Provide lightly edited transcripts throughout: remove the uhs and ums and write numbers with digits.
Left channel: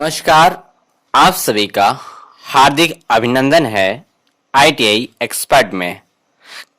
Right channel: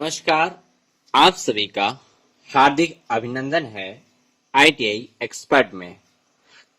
नमस्कार। आप सभी का हार्दिक अभिनंदन है आईटीआई एक्सपर्ट में।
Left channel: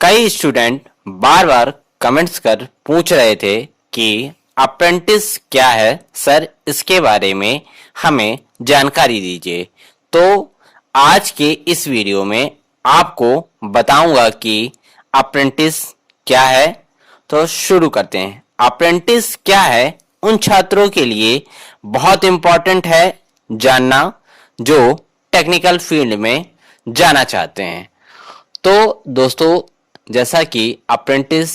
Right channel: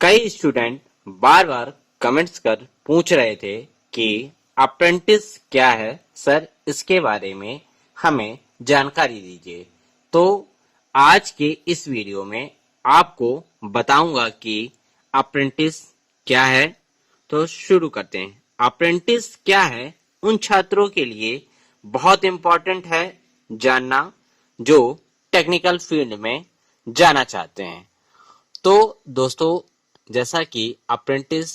कई स्टूडेंट बार बार कमेंट्स कर पूछ रहे थे कि अप्रेंटिस क्या है सर, इसके बारे में हमें जानकारी दीजिए। तो आज के इस वीडियो में आपको बताऊंगा कि अप्रेंटिस क्या है। तो शुरू करते हैं। अप्रेंटिस क्या है उन छात्रों के लिए बहुत इंपॉर्टेंट है जानना जो टेक्निकल फील्ड में जाना चाहते हैं। तो दोस्तों, जैसा कि अप्रेंटिस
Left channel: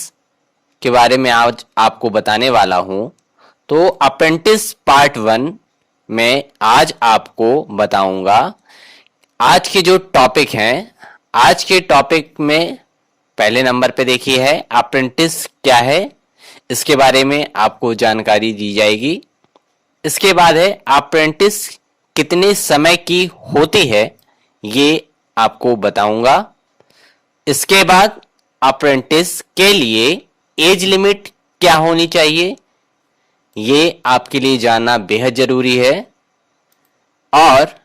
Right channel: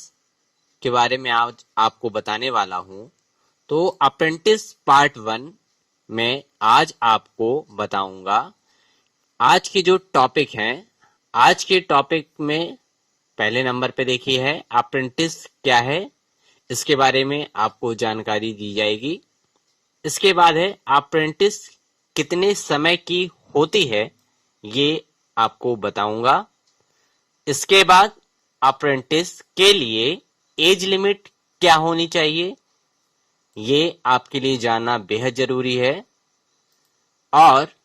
के बारे में आज आपको बताने वाला हूं, तो अप्रेंटिस पार्ट 1 में आज आपको बताऊंगा। आज के जो टॉपिक हैं, आज के टॉपिक में पहले नंबर पे देखिए है अप्रेंटिस क्या है, इसके बारे में आपको जानकारी दी जाएगी। इसके बाद है अप्रेंटिस कितने समय की होती है, ये आपको बताऊंगा। इसके बाद अप्रेंटिस के लिए एज लिमिट क्या होनी चाहिए, ये आपके लिए जानना बेहद जरूरी है। और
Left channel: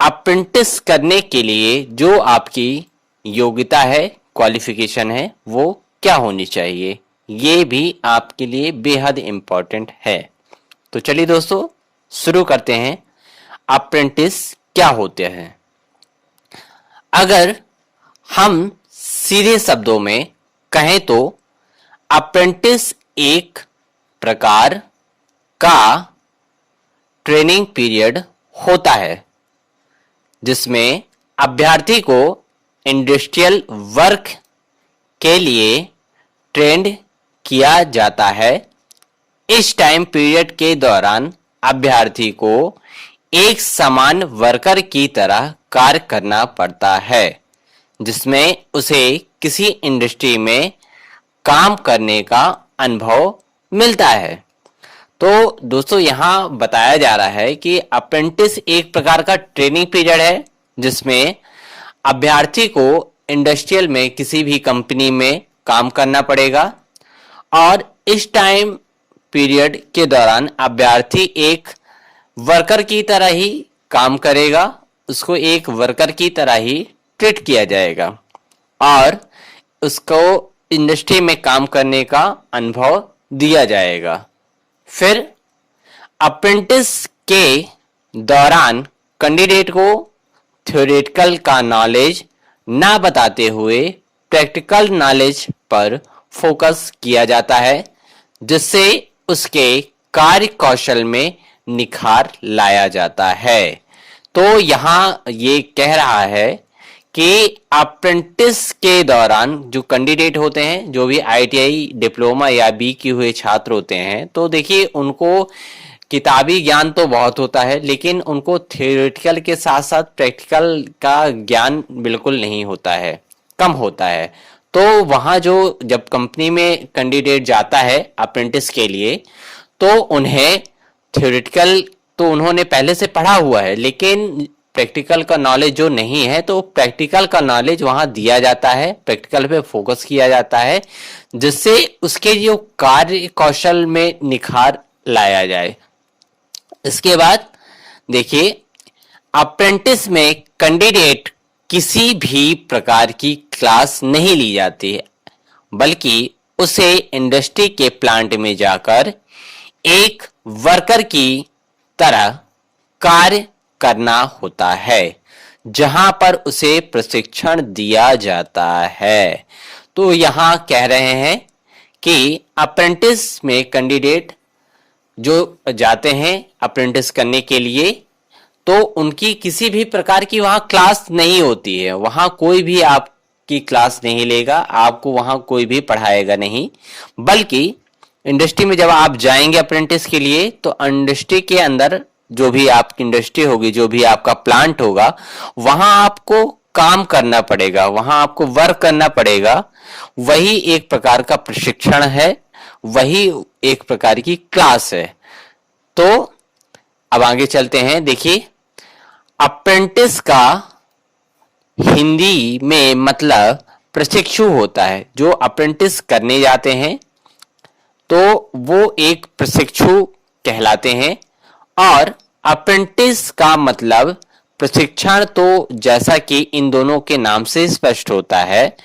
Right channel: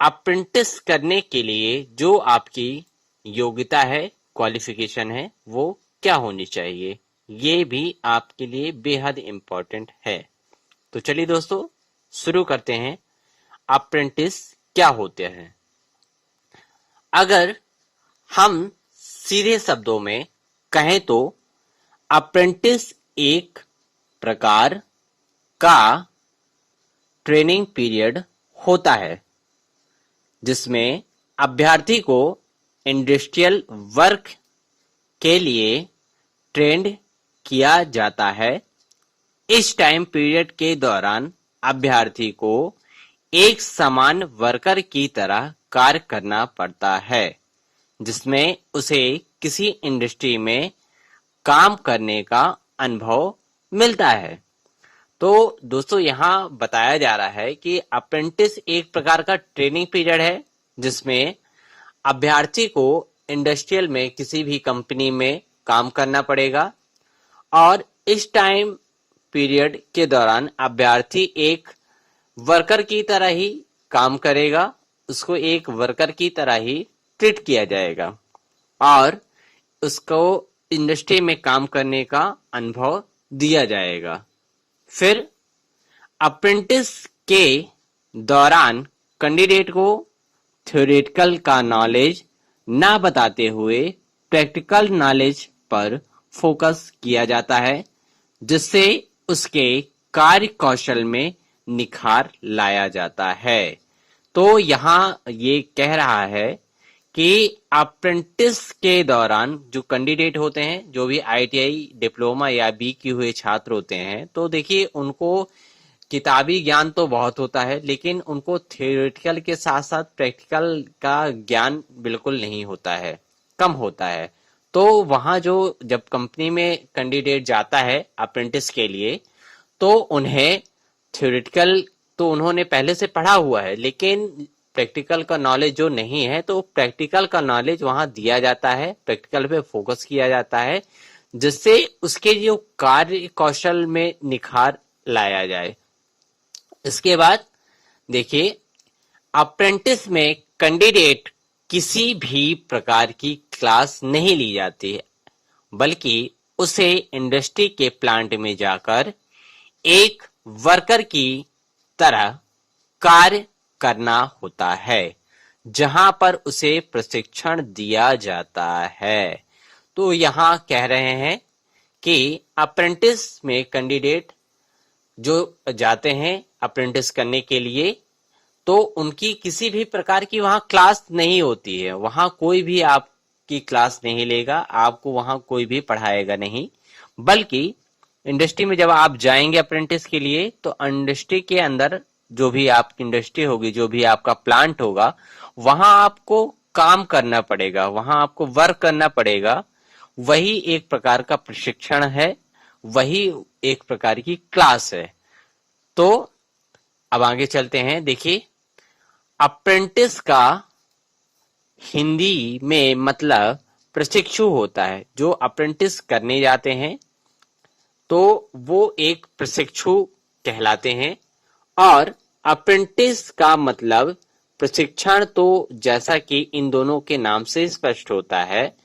अप्रेंटिस करने के लिए जो आपकी योग्यता है, क्वालिफिकेशन है, वो क्या होनी चाहिए, ये भी आपके लिए बेहद इंपॉर्टेंट है। तो चलिए दोस्तों, शुरू करते हैं। अप्रेंटिस क्या होते हैं? अगर हम सीधे शब्दों में कहें तो अप्रेंटिस एक प्रकार का ट्रेनिंग पीरियड होता है जिसमें अभ्यर्थी को इंडस्ट्रियल वर्क के लिए ट्रेंड किया जाता है। इस टाइम पीरियड के दौरान अभ्यर्थी को एक समान वर्कर की तरह कार्य करना पड़ता है जिसमें उसे किसी इंडस्ट्री में काम करने का अनुभव मिलता है। तो दोस्तों, यहाँ बताया जा रहा है कि अप्रेंटिस एक प्रकार का ट्रेनिंग पीरियड है जिसमें अभ्यर्थी को इंडस्ट्रियल में किसी भी कंपनी में काम करना पड़ेगा और इस टाइम पीरियड के दौरान अभ्यर्थी एक वर्कर की तरह ही काम करेगा, उसको एक वर्कर की तरह ही ट्रीट किया जाएगा और उसको इंडस्ट्री में काम करने का अनुभव दिया जाएगा। फिर अप्रेंटिस के दौरान कैंडिडेट को थ्योरेटिकल का नॉलेज ना बताते हुए प्रैक्टिकल नॉलेज पर फोकस किया जाता है जिससे उसके कार्य कौशल में निखार लाया जाता है। तो यहाँ ये कह रहा है कि अप्रेंटिस के दौरान जो कैंडिडेट होते हैं, जो भी आईटीआई डिप्लोमा या बी किए हुए छात्र होते हैं, तो देखिए उनको किताबी ज्ञान तो बहुत होता है लेकिन उनको थियोरेटिकल के साथ साथ प्रैक्टिकल का ज्ञान बिल्कुल नहीं होता है, कम होता है। तो वहाँ जो जब कंपनी में कैंडिडेट जाता है अप्रेंटिस के लिए, तो उन्हें थ्योरेटिकल तो उन्होंने पहले से पढ़ा हुआ है लेकिन प्रैक्टिकल का नॉलेज जो नहीं है, तो प्रैक्टिकल का नॉलेज वहाँ दिया जाता है, प्रैक्टिकल पे फोकस किया जाता है जिससे उसके जो कार्य कौशल में निखार लाया जाए। इसके बाद देखिए, अप्रेंटिस में कैंडिडेट किसी भी प्रकार की क्लास नहीं ली जाती है बल्कि उसे इंडस्ट्री के प्लांट में जाकर एक वर्कर की तरह कार्य करना होता है जहां पर उसे प्रशिक्षण दिया जाता है। तो यहां कह रहे हैं कि अप्रेंटिस में कैंडिडेट जो जाते हैं अप्रेंटिस करने के लिए, तो उनकी किसी भी प्रकार की वहां क्लास नहीं होती है, वहां कोई भी आपकी क्लास नहीं लेगा, आपको वहां कोई भी पढ़ाएगा नहीं, बल्कि इंडस्ट्री में जब आप जाएंगे अप्रेंटिस के लिए तो इंडस्ट्री के अंदर जो भी आपकी इंडस्ट्री होगी, जो भी आपका प्लांट होगा, वहां आपको काम करना पड़ेगा, वहां आपको वर्क करना पड़ेगा। वही एक प्रकार का प्रशिक्षण है, वही एक प्रकार की क्लास है। तो अब आगे चलते हैं। देखिए, अप्रेंटिस का हिंदी में मतलब प्रशिक्षु होता है। जो अप्रेंटिस करने जाते हैं तो वो एक प्रशिक्षु कहलाते हैं और अप्रेंटिस का मतलब प्रशिक्षण, तो जैसा कि इन दोनों के नाम से स्पष्ट होता है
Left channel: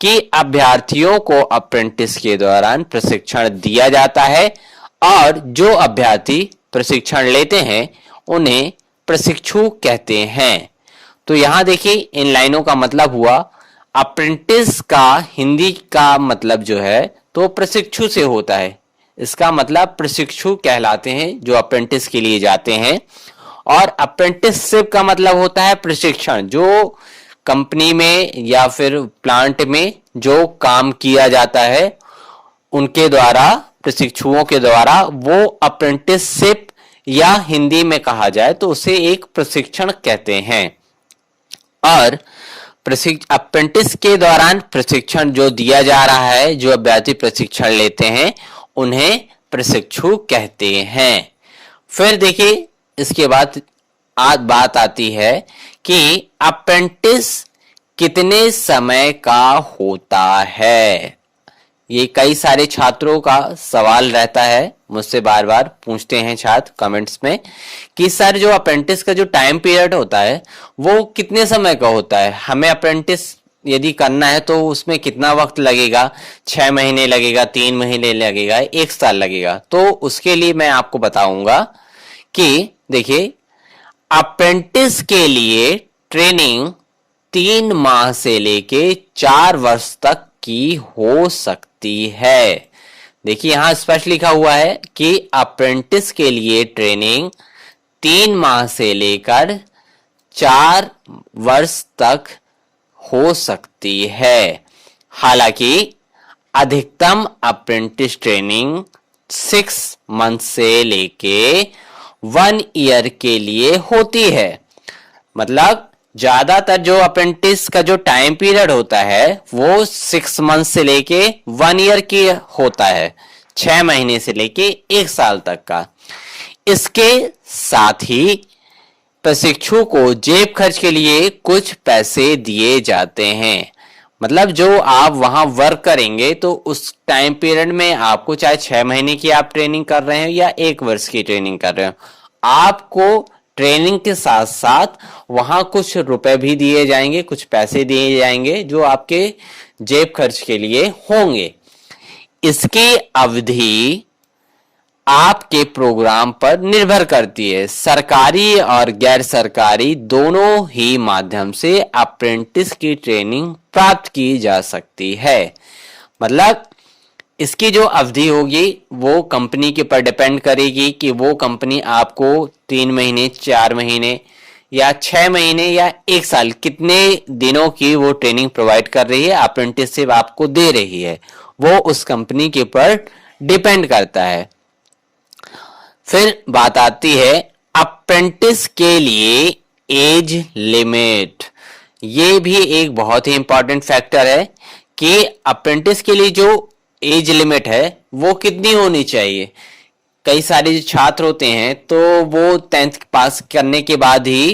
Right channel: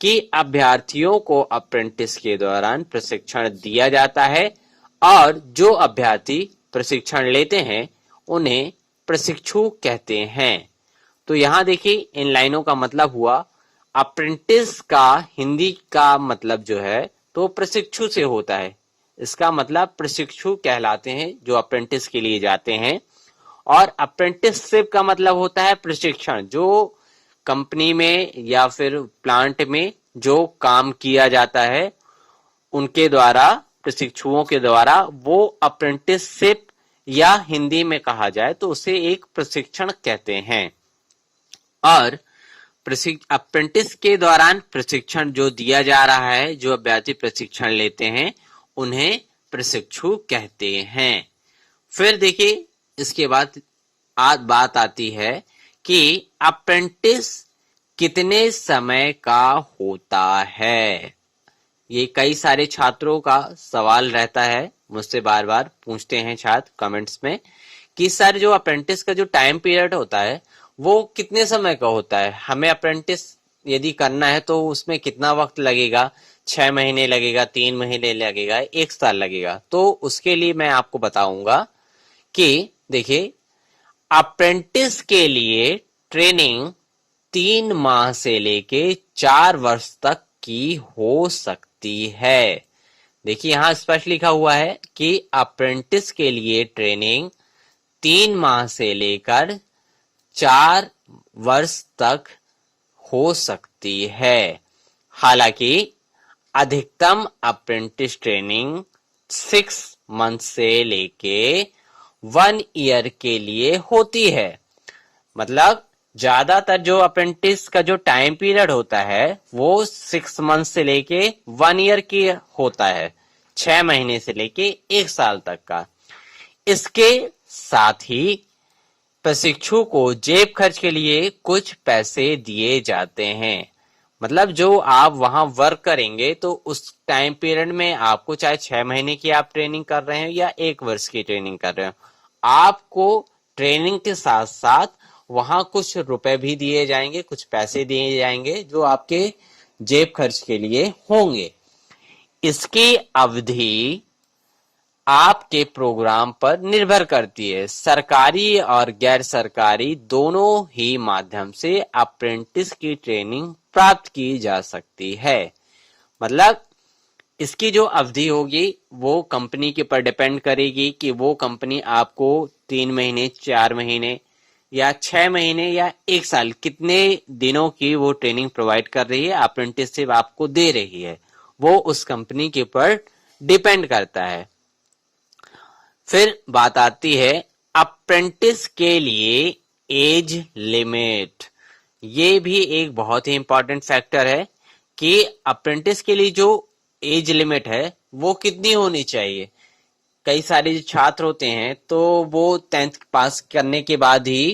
कि अभ्यर्थियों को अप्रेंटिस के दौरान प्रशिक्षण दिया जाता है और जो अभ्यर्थी प्रशिक्षण लेते हैं उन्हें प्रशिक्षु कहते हैं। तो यहां देखिए इन लाइनों का मतलब हुआ, अप्रेंटिस का हिंदी का मतलब जो है तो प्रशिक्षु से होता है। इसका मतलब प्रशिक्षु कहलाते हैं जो अप्रेंटिस के लिए जाते हैं। और अप्रेंटिसशिप का मतलब होता है प्रशिक्षण, जो कंपनी में या फिर प्लांट में जो काम किया जाता है उनके द्वारा, प्रशिक्षुओं के द्वारा, वो अप्रेंटिसशिप या हिंदी में कहा जाए तो उसे एक प्रशिक्षण कहते हैं। और अप्रेंटिस के दौरान प्रशिक्षण जो दिया जा रहा है, जो अभ्यर्थी प्रशिक्षण लेते हैं उन्हें प्रशिक्षु कहते हैं। फिर देखिए इसके बाद आज बात आती है कि अप्रेंटिस कितने समय का होता है। ये कई सारे छात्रों का सवाल रहता है, मुझसे बार बार पूछते हैं छात्र कमेंट्स में कि सर जो अप्रेंटिस का जो टाइम पीरियड होता है वो कितने समय का होता है, हमें अप्रेंटिस यदि करना है तो उसमें कितना वक्त लगेगा, 6 महीने लगेगा, 3 महीने लगेगा, 1 साल लगेगा। तो उसके लिए मैं आपको बताऊंगा कि देखिए अप्रेंटिस के लिए ट्रेनिंग 3 माह से लेके 4 वर्ष तक की हो सकती है। देखिए यहां स्पष्ट लिखा हुआ है कि अप्रेंटिस के लिए ट्रेनिंग 3 माह से लेकर 4 वर्ष तक हो सकती है। हालांकि अधिकतम अप्रेंटिस ट्रेनिंग 6 मंथ से लेके 1 ईयर के लिए होती है। मतलब ज्यादातर जो अप्रेंटिस का जो टाइम पीरियड होता है वो 6 मंथ से लेके 1 ईयर की होता है, 6 महीने से लेके 1 साल तक का। इसके साथ ही प्रशिक्षु को जेब खर्च के लिए कुछ पैसे दिए जाते हैं। मतलब जो आप वहां वर्क करेंगे तो उस टाइम पीरियड में आपको, चाहे 6 महीने की आप ट्रेनिंग कर रहे हो या 1 वर्ष की ट्रेनिंग कर रहे हो, आपको ट्रेनिंग के साथ साथ वहां कुछ रुपए भी दिए जाएंगे, कुछ पैसे दिए जाएंगे जो आपके जेब खर्च के लिए होंगे। इसकी अवधि आपके प्रोग्राम पर निर्भर करती है। सरकारी और गैर सरकारी दोनों ही माध्यम से अप्रेंटिस की ट्रेनिंग प्राप्त की जा सकती है। मतलब इसकी जो अवधि होगी वो कंपनी के पर डिपेंड करेगी कि वो कंपनी आपको 3 महीने, 4 महीने या 6 महीने या 1 साल कितने दिनों की वो ट्रेनिंग प्रोवाइड कर रही है, अप्रेंटिसशिप आपको दे रही है, वो उस कंपनी के पर डिपेंड करता है। फिर बात आती है अप्रेंटिस के लिए एज लिमिट। ये भी एक बहुत ही इंपॉर्टेंट फैक्टर है कि अप्रेंटिस के लिए जो एज लिमिट है वो कितनी होनी चाहिए। कई सारे जो छात्र होते हैं तो वो 10th पास करने के बाद ही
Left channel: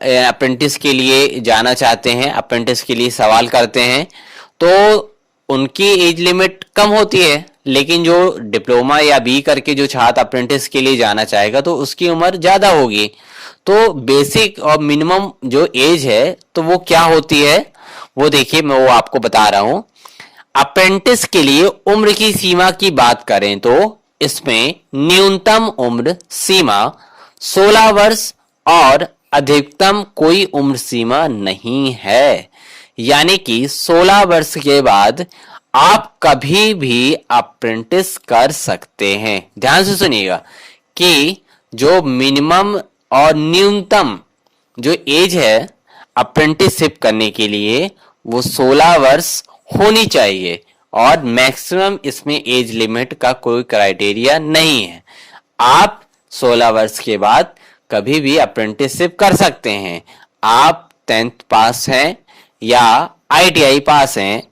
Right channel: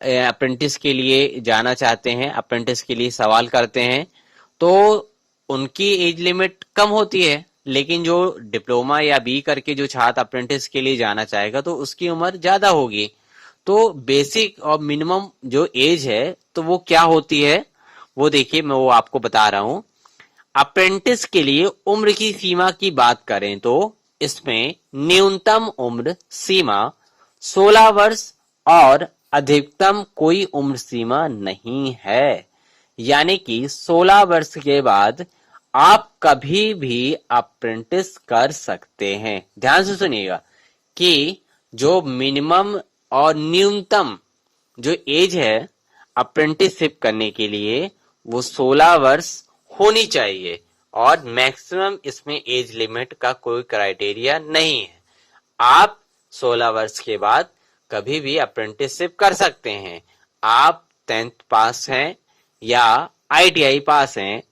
अप्रेंटिस के लिए जाना चाहते हैं, अप्रेंटिस के लिए सवाल करते हैं, तो उनकी एज लिमिट कम होती है। लेकिन जो डिप्लोमा या बी करके जो छात्र अप्रेंटिस के लिए जाना चाहेगा तो उसकी उम्र ज्यादा होगी। तो बेसिक और मिनिमम जो एज है तो वो क्या होती है, वो देखिए मैं वो आपको बता रहा हूं। अप्रेंटिस के लिए उम्र की सीमा की बात करें तो इसमें न्यूनतम उम्र सीमा 16 वर्ष और अधिकतम कोई उम्र सीमा नहीं है। यानी कि 16 वर्ष के बाद आप कभी भी अप्रेंटिस कर सकते हैं। ध्यान से सुनिएगा कि जो मिनिमम और न्यूनतम जो एज है अप्रेंटिसशिप करने के लिए वो 16 वर्ष होनी चाहिए और मैक्सिमम इसमें एज लिमिट का कोई क्राइटेरिया नहीं है। आप 16 वर्ष के बाद कभी भी अप्रेंटिसशिप कर सकते हैं। आप 10th पास हैं या ITI पास हैं,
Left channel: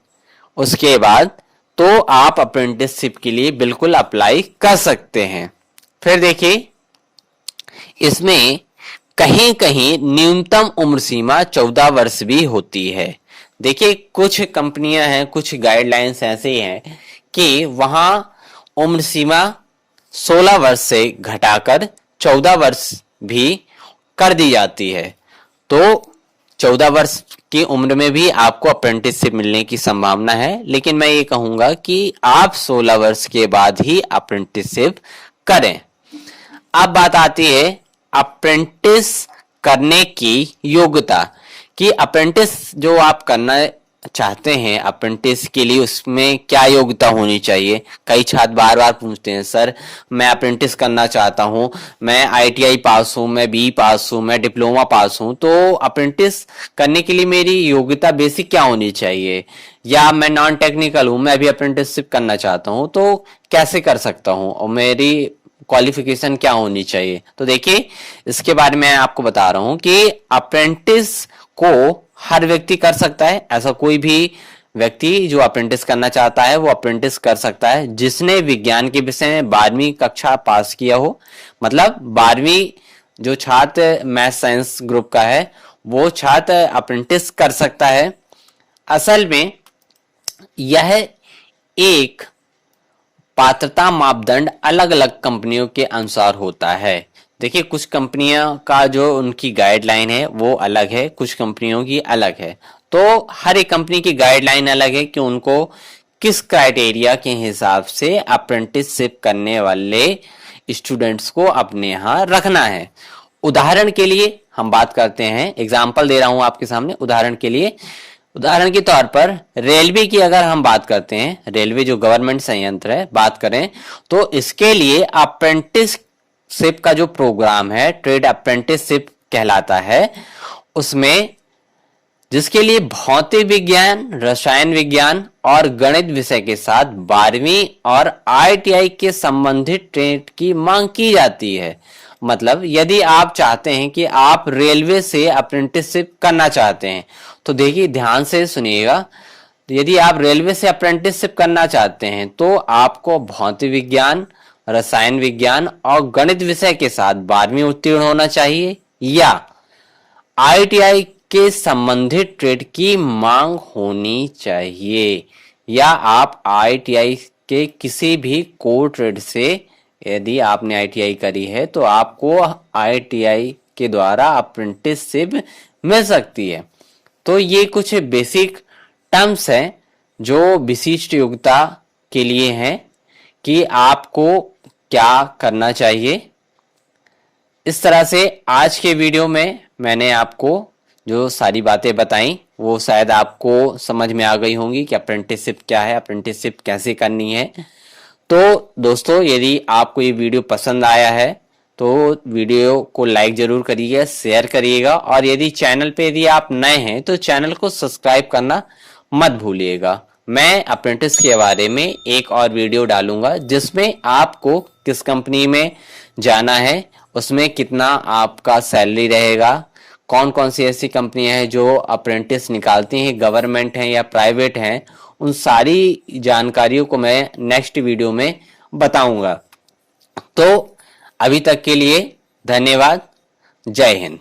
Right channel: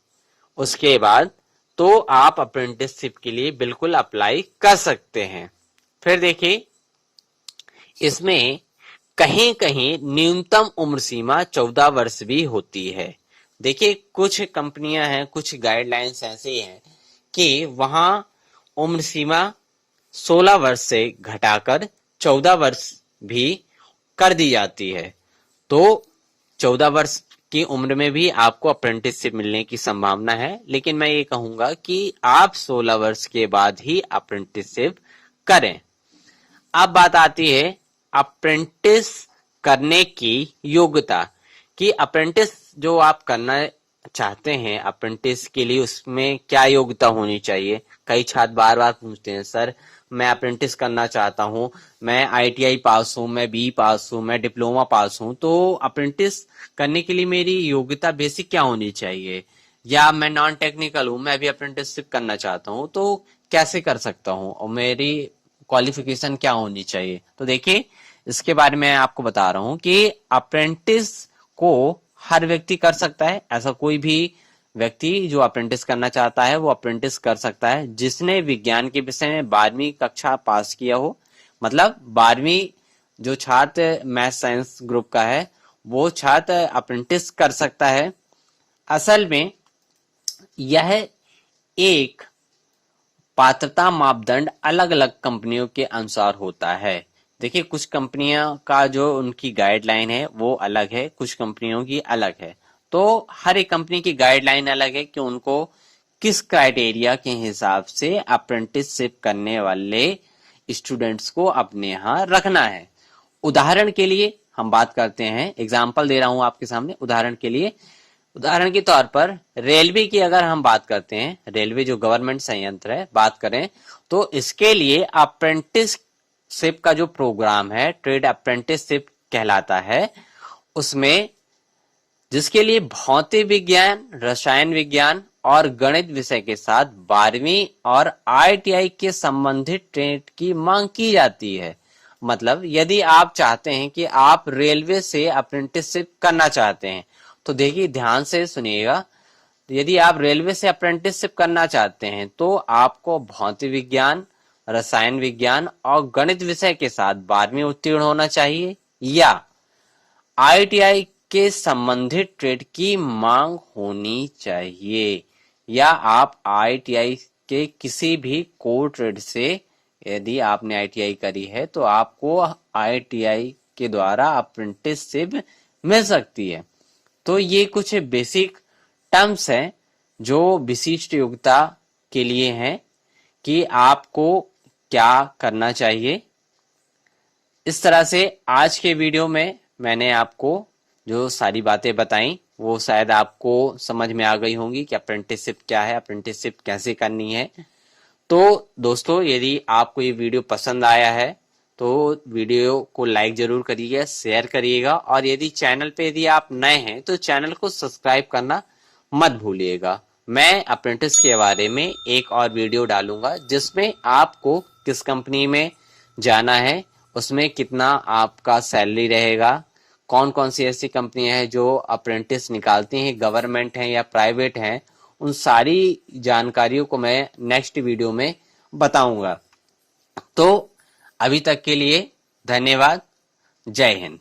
उसके बाद तो आप अप्रेंटिसशिप के लिए बिल्कुल अप्लाई कर सकते हैं। फिर देखिए इसमें कहीं कहीं न्यूनतम उम्र सीमा 14 वर्ष भी होती है। देखिए कुछ कंपनियां हैं, कुछ गाइडलाइंस ऐसे हैं कि वहां उम्र सीमा 16 वर्ष से घटाकर 14 वर्ष भी कर दी जाती है। तो 14 वर्ष की उम्र में भी आपको अप्रेंटिसशिप मिलने की संभावना है, लेकिन मैं ये कहूंगा कि आप 16 वर्ष के बाद ही अप्रेंटिसशिप करें। अब बात आती है अप्रेंटिस करने की योग्यता कि अप्रेंटिस जो आप करना चाहते हैं अप्रेंटिस के लिए उसमें क्या योग्यता होनी चाहिए। कई छात्र बार बार पूछते हैं, सर मैं अप्रेंटिस करना चाहता हूं, मैं आईटीआई पास हूं, मैं बी पास हूं, मैं डिप्लोमा पास हूं, तो अप्रेंटिस करने के लिए मेरी योग्यता बेसिक क्या होनी चाहिए, या मैं नॉन टेक्निकल हूं, मैं अभी अप्रेंटिसशिप करना चाहता हूं तो कैसे कर सकता हूं और मेरी क्वालिफिकेशन क्या होनी चाहिए। तो देखिए इसके बारे में आपको बता रहा हूं कि अप्रेंटिस को हर व्यक्ति कर सकता है। ऐसा कोई भी व्यक्ति जो अप्रेंटिस करना चाहता है वो अप्रेंटिस कर सकता है जिसने विज्ञान के विषय में 12वीं कक्षा पास किया हो। मतलब 12वीं जो छात्र मैथ साइंस ग्रुप का है वो छात्र अप्रेंटिस कर सकता है। असल में यह एक पात्रता मापदंड अलग अलग कंपनियों के अनुसार होता है। देखिए कुछ कंपनियों का जो उनकी गाइडलाइन है वो अलग है, कुछ कंपनियों की अलग है। तो हर एक कंपनी की गाइडलाइन अलग है कि उनको किस क्राइटेरिया के हिसाब से अप्रेंटिसशिप करने वाले स्टूडेंट्स को अपने यहाँ रखना है। उदाहरण के लिए हम बात करते हैं, एग्जाम्पल दे रहा हूं आपके सामने। उदाहरण के तौर पर रेलवे की अगर हम बात करते हैं, रेलवे जो गवर्नमेंट संयंत्र है बात करें, तो इसके लिए अप्रेंटिसशिप का जो प्रोग्राम है ट्रेड अप्रेंटिसशिप कहलाता है। उसमें जिसके लिए भौतिक विज्ञान, रसायन विज्ञान और गणित विषय के साथ 12वीं और आईटीआई के संबंधित ट्रेड की मांग की जाती है। मतलब यदि आप चाहते हैं कि आप रेलवे से अप्रेंटिसशिप करना चाहते हैं तो देखिए ध्यान से सुनिएगा, यदि आप रेलवे से अप्रेंटिसशिप करना चाहते हैं तो आपको भौतिक विज्ञान, रसायन विज्ञान और गणित विषय के साथ 12वीं उत्तीर्ण होना चाहिए या आईटीआई के संबंधित ट्रेड की मांग होनी चाहिए, या आप आईटीआई के किसी भी कोर ट्रेड से, यदि आपने आईटीआई करी है तो आपको आईटीआई के द्वारा अप्रेंटिसशिप मिल सकती है। तो ये कुछ बेसिक टर्म्स हैं जो विशिष्ट योग्यता के लिए हैं कि आपको क्या करना चाहिए। इस तरह से आज के वीडियो में मैंने आपको जो सारी बातें बताई वो शायद आपको समझ में आ गई होंगी कि अप्रेंटिसशिप क्या है, अप्रेंटिसशिप कैसे करनी है। तो दोस्तों यदि आपको ये वीडियो पसंद आया है तो वीडियो को लाइक जरूर करिएगा, शेयर करिएगा, और यदि चैनल पे यदि आप नए हैं तो चैनल को सब्सक्राइब करना मत भूलिएगा। मैं अप्रेंटिस के बारे में एक और वीडियो डालूंगा जिसमें आपको किस कंपनी में जाना है, उसमें कितना आपका सैलरी रहेगा, कौन कौन सी ऐसी कंपनियां हैं जो अप्रेंटिस निकालती हैं, गवर्नमेंट हैं या प्राइवेट हैं, उन सारी जानकारियों को मैं नेक्स्ट वीडियो में बताऊंगा। तो अभी तक के लिए धन्यवाद। जय हिंद।